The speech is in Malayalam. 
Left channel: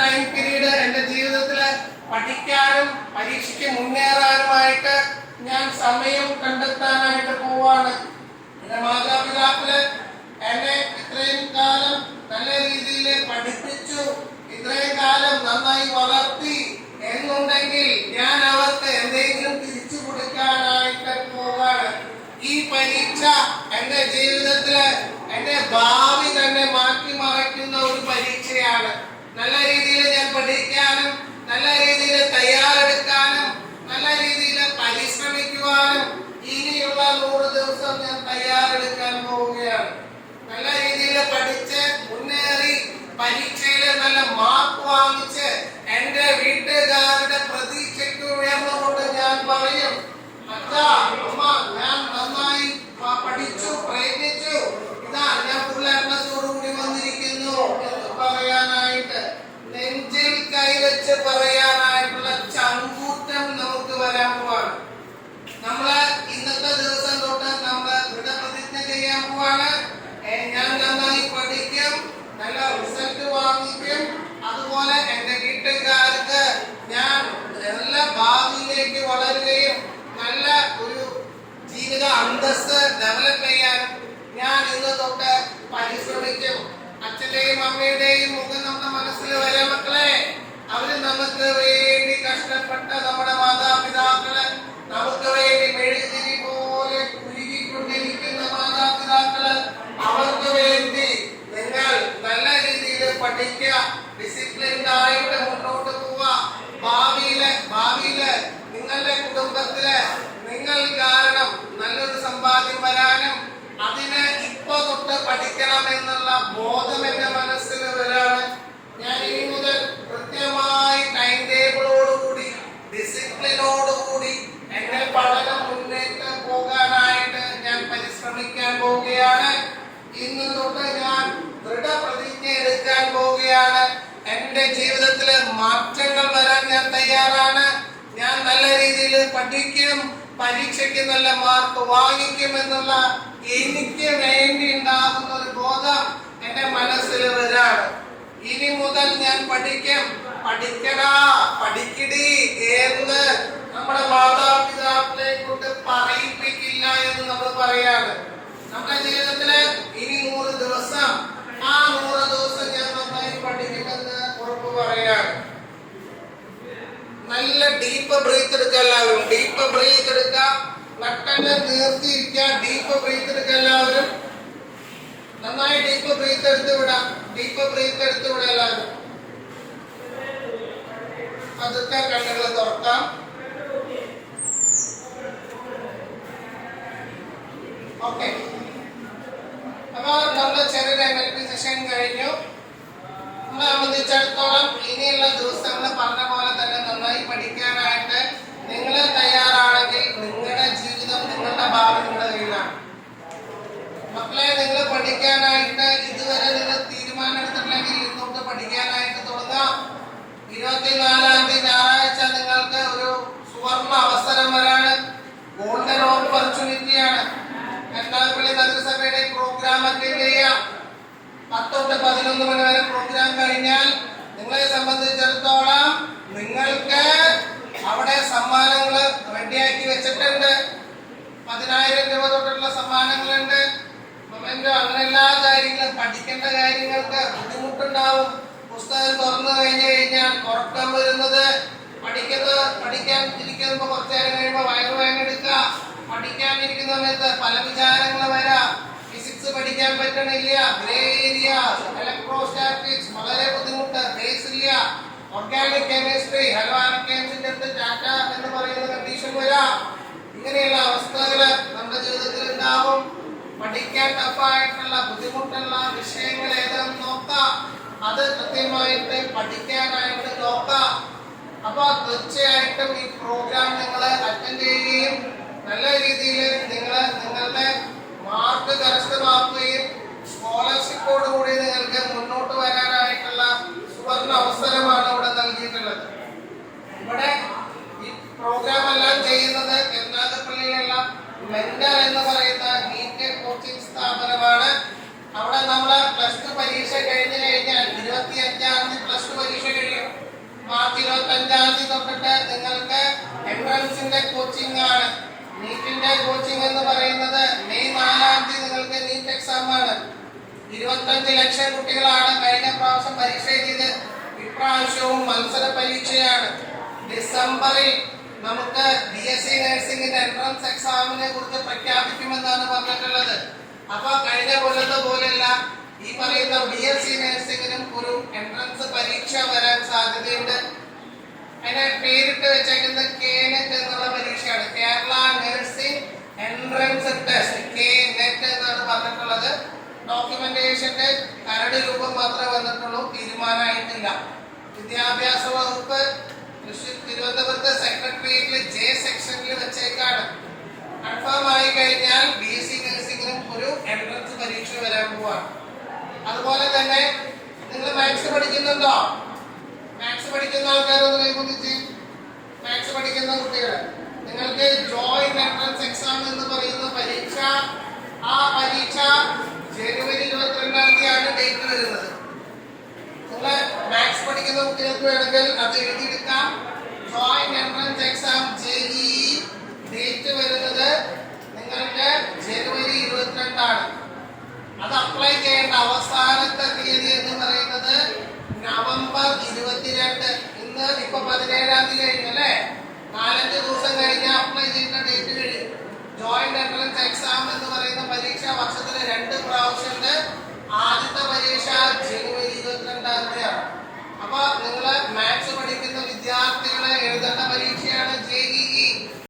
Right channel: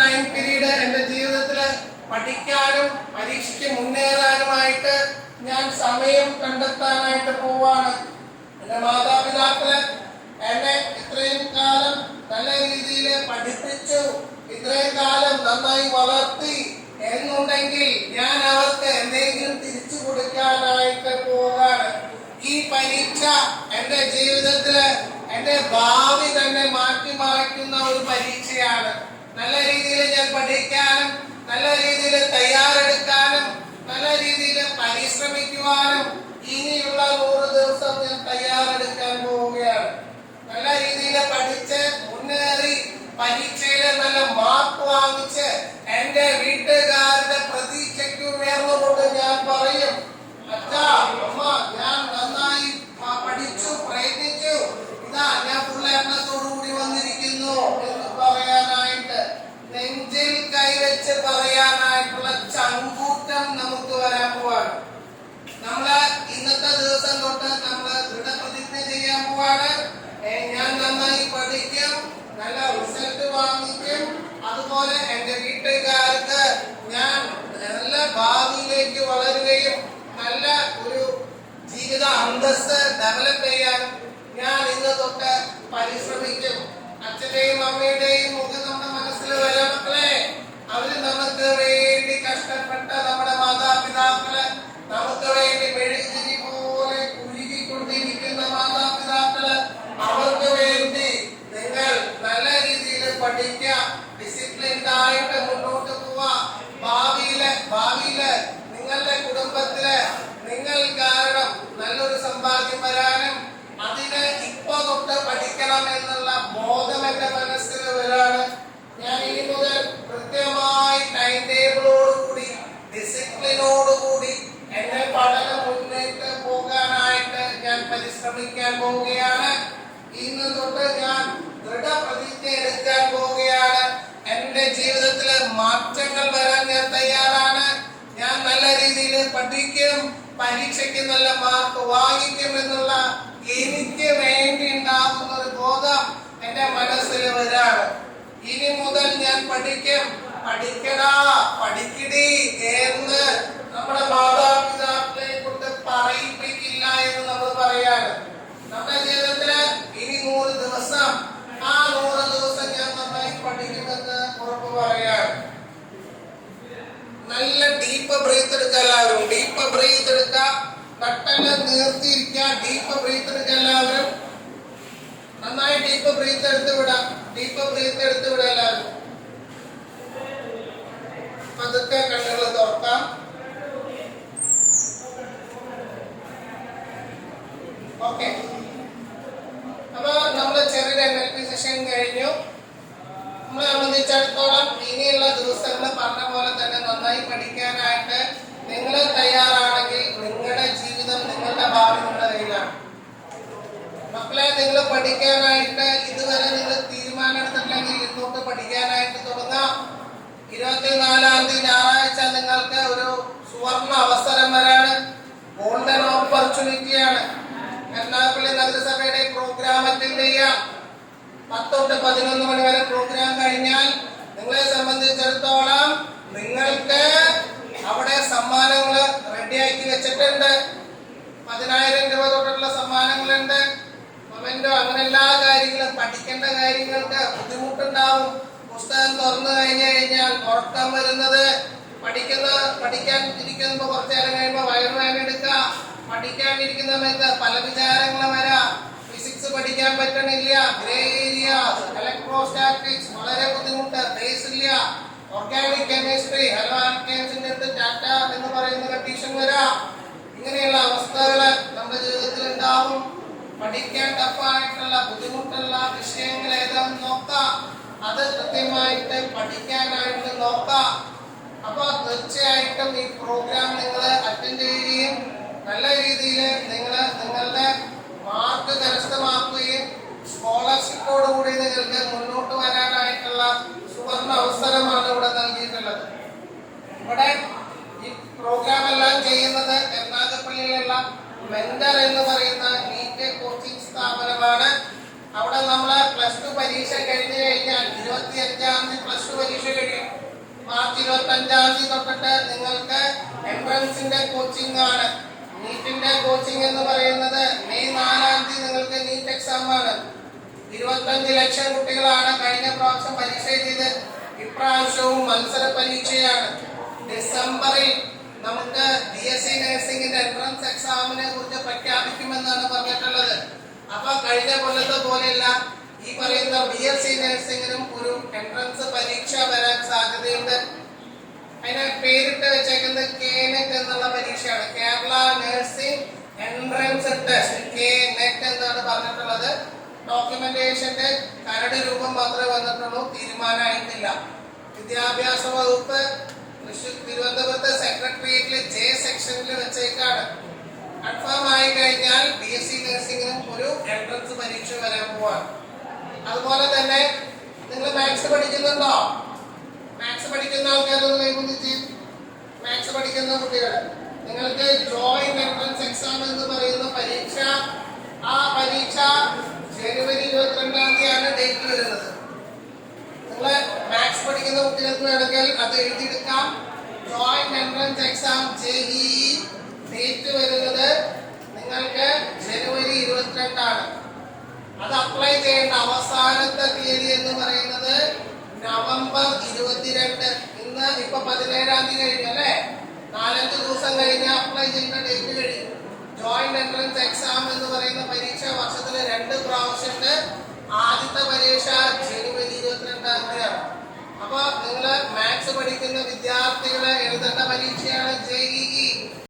ടൈം പീരീഡ് എന്റെ ജീവിതത്തിൽ പഠിക്കാനും പരീക്ഷയ്ക്ക് മുന്നേറാനുമായിട്ട് ഞാൻ സമയം കണ്ടെത്താനായിട്ട് പോവാണ്. എന്റെ മാതാപിതാക്കള് എന്നെ ഇത്രയും കാലം നല്ല രീതിയിൽ പഠിപ്പിച്ചു, ഇത്രയും കാലം നന്നായി വളർത്തി എന്നുണ്ടെങ്കിൽ ഞാൻ അവർക്ക് എന്തെങ്കിലും തിരിച്ചു കൊടുക്കാനായിട്ട് പോവാണ്. ഈ പരീക്ഷ എന്റെ ജീവിതത്തില് എന്റെ ഭാവി തന്നെ മാറ്റി മറിക്കുന്ന ഒരു പരീക്ഷയാണ്. നല്ല രീതിയിൽ ഞാൻ പഠിക്കാനും നല്ല രീതിയിൽ തയ്യാറെടുക്കാനും നല്ല രീതിയിൽ പരിശ്രമിക്കുവാനും ഇനിയുള്ള 100 ദിവസം ഞാൻ തയ്യാറെടുക്കാൻ പോവുകയാണ്. നല്ല രീതിയിൽ പഠിച്ച് മുന്നേറി പരീക്ഷയിൽ നല്ല മാർക്ക് വാങ്ങിച്ച് എന്റെ വീട്ടുകാരുടെ പ്രതീക്ഷയ്ക്ക് ഉയർന്നുകൊണ്ട് ഞാൻ പറയും, അച്ഛാ അമ്മ ഞാൻ നന്നായി പഠിച്ചു പ്രയത്നിച്ചു, ഇതാ ഞാൻ ഫുള്ളോടുകൂടി വന്നിരിക്കുന്നു എന്ന് പറയാനായിട്ട്, നെഞ്ചിൽ കൈവച്ച് പറയാനായിട്ടുള്ള ചങ്കൂറ്റം നമുക്ക് വരാൻ പോവാണ്. നമ്മള് ഇന്നത്തെ ദിവസം തൊട്ട് നമ്മള് ദൃഢപ്രതിജ്ഞ ചെയ്യാൻ പോവാണ്. ഞാൻ നന്നായി പഠിക്കും, നല്ല റിസൾട്ട് വാങ്ങിക്കും, അതുപോലെ എന്റെ വീട്ടുകാർക്ക് ഞാൻ നല്ല ഭാവിയിലേക്ക് വളരുകയും നല്ല ഒരു ജീവിത അന്തസ്സ് ഡെവലപ്പ് ചെയ്യാൻ ഞാൻ ഇന്ന് തൊട്ട് പരിശ്രമിക്കും. അച്ഛന്റെയും അമ്മയുടെയും മുഖം നമ്മുടെ മനസ്സിൽ വരാം മക്കളെ. അവര് നമുക്ക് വേണ്ടി കഷ്ടപ്പെട്ട നമ്മുടെ മാതാപിതാക്കള്, നമുക്ക് വേണ്ടി മെഴുകുതിരി പോലെ കുരുകിക്കൊണ്ടിരിക്കുന്ന മാതാപിതാക്കള്, അവർക്ക് വേണ്ടി നിങ്ങൾ നല്ല രീതിയിൽ പഠിക്കുക, ഡിസിപ്ലിൻഡ് ആയിട്ട് മുന്നോട്ട് പോവുക. ഭാവിയില് നിങ്ങളുടെ കുടുംബത്തില് നിങ്ങൾ കാരണം നല്ലൊരു സമ്പാദ്യം വരാനും അതിന് ഇപ്പൊ തൊട്ട് പഠിക്കണം എന്നുള്ള ബോധം എന്റെ മനസ്സിൽ വരാണ്. ഞാൻ ഇനി മുതൽ കൃത്യമായി ടൈം ടേബിളോടുകൂടി ഡിസിപ്ലിനോടുകൂടി എന്റെ പഠനം മുന്നേറ്റ് പോകാനായിട്ട് ഞാൻ പരിശ്രമിക്കാൻ പോവുകയാണ്. ഇന്ന് തൊട്ട് ഞാൻ ദൃഢപ്രതിജ്ഞ എടുക്കാൻ പോവുകയാണ്. എന്റെ ജീവിതത്തില് മാറ്റങ്ങൾ വരാൻ ഞാൻ തയ്യാറാണ്. ഞാൻ നല്ല രീതിയിൽ പഠിക്കും, പരീക്ഷയ്ക്ക് നല്ല മാർക്ക് വാങ്ങിക്കും എന്നുള്ള എനിക്ക് വേണ്ടി ഉണ്ടാകുന്ന ഒരു ബോധം എന്റെ മനസ്സിൽ വരാണ്. ഇനി മുതൽ ഞാൻ പഠിക്കും, പഠിക്കടാ പഠിക്കടി എന്ന് നമ്മുടെ മാതാപിതാക്കളെ കൊണ്ട് പറയിപ്പിക്കില്ല എന്ന് നമ്മൾ പറയാണ്. നമ്മുടെ ജീവിതത്തില് ഇനി 100 ദിവസം, ആ 100 ദിവസം ഞാൻ നന്നായി പഠിക്കുമെന്ന് ഉറപ്പ് പറയാണ്. നല്ല ഡീപ്പ് ബ്രീത്ത് എടുക്കുക എല്ലാവരും. ഡീപ്പ് ബ്രീത്ത് എടുക്കുക, നട്ടല് നിർത്തിയിരിക്കുക. ഡീപ്പ് ബ്രീത്ത് എടുക്കുക എല്ലാവരും. നന്നായി ഡീപ്പ് ബ്രീത്ത് എടുത്തു വിടാം. ഡീപ്പ് ബ്രീത്ത് എടുത്തു വിടാം എല്ലാവരും. അതൊക്കെ കണ്ണുകൾ തുറക്കാം. ഓക്കെ, അപ്പൊ നമ്മുടെ ചെറിയ മെഡിറ്റേഷൻ കഴിഞ്ഞു. നമ്മളെ സംബന്ധിച്ചിടത്തോളം ഇനിയുള്ള ദിവസങ്ങൾ പറഞ്ഞ പോലെ തന്നെ നന്നായി പഠിക്കാനായിട്ട് നിങ്ങൾ തയ്യാറാണെങ്കിൽ നിങ്ങളുടെ ജീവിതം, നിങ്ങളുടെ ഭാവി നിങ്ങളുടെ കയ്യിലാണ്. മക്കളെ, നിങ്ങൾ പഠിക്കാനായിട്ട് ഇതുവരെ നിങ്ങൾ തീരുമാനം എടുത്തിട്ടില്ലെങ്കിൽ ഇന്നോട്ട് പഠിക്കാനായിട്ട് തുടങ്ങാം. 24-ാം തീയതി ഞായറാഴ്ച നിങ്ങൾക്ക് ഒരു സുവർണ അവസരം വരാണ്. ഗോൾഡൻ ഓപ്പർച്യൂണിറ്റിയാണ്. എറണാകുളം നഗരസഭയുടെ പ്രോഗ്രാം അറ്റൻഡ് ചെയ്യാം. 10 തൊട്ട് 11 മണി വരെ പ്രോഗ്രാം കഴിഞ്ഞാൽ നിങ്ങളെ സംബന്ധിച്ചിടത്തോളം നിങ്ങൾക്ക് അവിടെ സമ്മാനങ്ങൾ റെഡിയാക്കി വെച്ചിട്ടുണ്ട്. 10,000 രൂപ തൊട്ടുള്ള സമ്മാനങ്ങളുണ്ട്. കമന്റോ അങ്ങനെ എല്ലാ കാര്യങ്ങളും, പഠിക്കേണ്ട കാര്യങ്ങൾക്ക് ബുദ്ധിമുട്ടുണ്ടാവും. പുസ്തകം തുറന്നു കഴിഞ്ഞാൽ ഉറക്കം വരുന്നത്, പഠിക്കാൻ ഇരിക്കുമ്പോ കുറച്ചു നേരം കഴിയുമ്പോൾ വയറുവേദന എടുക്കുക, പഠിക്കാനിരിക്കുന്ന സമയത്ത് പല വിചാരങ്ങൾ വരാം. ഫിസിക്സ് പഠിക്കാൻ പറ്റണില്ല, ഗ്രേ ഏരിയ, ഇലക്ട്രോസ്റ്റാറ്റിക്സ് വളരെ ബുദ്ധിമുട്ട്, ബേസ് ഇല്ല, ഓർഗാനിക് കെമിസ്ട്രി, ഹലോ ആൽക്കെയിംസിന്റെ അടുത്ത് ടാറ്റ എന്ന് പറയുന്ന കണ്ടീഷൻ വരാം. ഇങ്ങനെയുള്ള അവസ്ഥകൾ നമ്മുടെ ജീവിതത്തിൽ ഉണ്ടാവും. പഠിക്കാൻ ടഫായിട്ടുള്ള ബുദ്ധിമുട്ടുള്ള വിഷയങ്ങൾ ഏതാണെന്ന് നോക്കാം. അത് കൃത്യമായിട്ട് പഠിക്കാനായിട്ട് നോക്കാം. അപ്പൊ തീർച്ചയായിട്ടും ഈ പ്രോഗ്രാം നിങ്ങൾ അറ്റൻഡ് ചെയ്യുകയും നല്ല രീതിയിൽ നിങ്ങളുടെ മാർക്ക് കരസ്ഥമാക്കുകയും സ്കോളർഷിപ്പോടുകൂടി നിങ്ങൾക്ക് മുന്നോട്ട് വരാനായിട്ടുള്ള സുവർണ അവസരമാണ് ഇവിടെ നൽകിയിട്ടുള്ളത്. ഇവിടെ ഈ പ്രോഗ്രാം എല്ലാം ചെയ്യുന്നത് കരുനാഗപ്പള്ളിയിലുള്ള മെന്റർ എന്ന് പറയുന്ന നീറ്റ് കോച്ചിങ് സ്ഥാപനമാണ്. അവിടെ നമ്മള് +2 പരീക്ഷ കഴിഞ്ഞു കഴിഞ്ഞാൽ 25-ാം തീയതി +2 പരീക്ഷ മാർച്ച് 25-ാം തീയതി തൊട്ടിട്ട് നിങ്ങൾക്ക് എൻട്രൻസിന്റെ കോച്ചിങ് ആണ്. നീറ്റിന്റെ കോച്ചിങ് എന്ന് പറയുന്നത് മെയ് 4-ാം തീയതി നിങ്ങൾക്ക് നീറ്റ് എക്സാം ആണ്. 25 ലക്ഷം കുട്ടികളാണ് കഴിഞ്ഞ പ്രാവശ്യം പരീക്ഷ എഴുതിയത്. ഇപ്രാവശ്യവും മത്സര പരീക്ഷയാണ്. ഡിസംബറിൽ നമുക്ക് BSc നഴ്സിംഗിന്റെ എൻട്രൻസ് എക്സാമിനെ കുറിച്ച് പ്രഖ്യാപിക്കുമെന്നാണ് പറഞ്ഞിട്ടുള്ളത്. അപ്പൊ കഴിഞ്ഞ കൊല്ലത്തെ പോലെയല്ല, ഈ പറയുന്ന BSc നഴ്സിംഗിനും ഒരു എൻട്രൻസ് പരീക്ഷ വരാൻ സാധ്യതയുണ്ട്. അതിനെ പേരിട്ട് വെച്ചേക്കുന്നത് KNET എന്നുള്ള പരീക്ഷയാണ്. Kerala nursing entrance test, KNET എന്നാണ് പറഞ്ഞിട്ടുള്ളത്. ഡോക്യുമെന്റേഷന്റെ കരട് രൂപം മാത്രമേ വന്നിട്ടുള്ളൂ, തീരുമാനമായിട്ടില്ല. വിദ്യാഭ്യാസ വകുപ്പ് തിരുവനന്തപുരത്തെ സെക്രട്ടേറിയറ്റിലെ J സെക്ഷനിൽ വെച്ചേക്കാണ്. കൺഫേം ആയി കഴിഞ്ഞാൽ BSc നഴ്സിംഗിനും ഒരു എൻട്രൻസ് പരീക്ഷ വരാൻ പോവാണ്. അതുപോലെ തന്നെ നിങ്ങൾ മാത്സ് പഠിക്കുന്നുണ്ടോ? മാത്സ് പഠിക്കുന്ന ആൾക്കാരൊന്ന് കൈകൊണ്ടിച്ച്. മാത്സ് പഠിക്കുന്ന കുട്ടികൾ, നിങ്ങൾക്ക് ജോയിന്റ് എൻട്രൻസ് എക്സാം എന്ന് പറയുന്ന പരീക്ഷ, ആ പരീക്ഷ ജനുവരി 22-ാം തീയതിയാണ് ഡേറ്റ് വരുന്നത്. നിങ്ങൾ മാത്സ് പഠിക്കുന്ന കുട്ടികൾക്ക് വേണമെങ്കിൽ അത് എഴുതിയെടുക്കാം. Joint entrance exam JEE date വരുന്നത് നിങ്ങൾക്ക് ജനുവരി 22-ആണ്. അത് അപ്ലൈ ചെയ്യേണ്ട അവസാനത്തെ തീയതി എന്ന് പറയുന്നത് നവംബർ 22. ഇന്ന് ഇപ്പൊ 17-ാം തീയതി കഴിഞ്ഞു അല്ലെ? 4-5 ദിവസം കഴിഞ്ഞ് അപ്ലൈ ചെയ്യുന്ന ഡേറ്റ് കഴിഞ്ഞു. ജോയിന്റ് എൻട്രൻസ് എക്സാം എന്ന് പറയുന്ന പരീക്ഷ വർഷത്തില് 2 പ്രാവശ്യമുണ്ട്. ആദ്യത്തെ പരീക്ഷ ജനുവരി 22-ാം തീയതിയാണ്. അപ്പൊ നിങ്ങള് മാത്സ് പഠിക്കുന്ന വിദ്യാർത്ഥികള് എഴുതേണ്ട പരീക്ഷയാണ് JEE.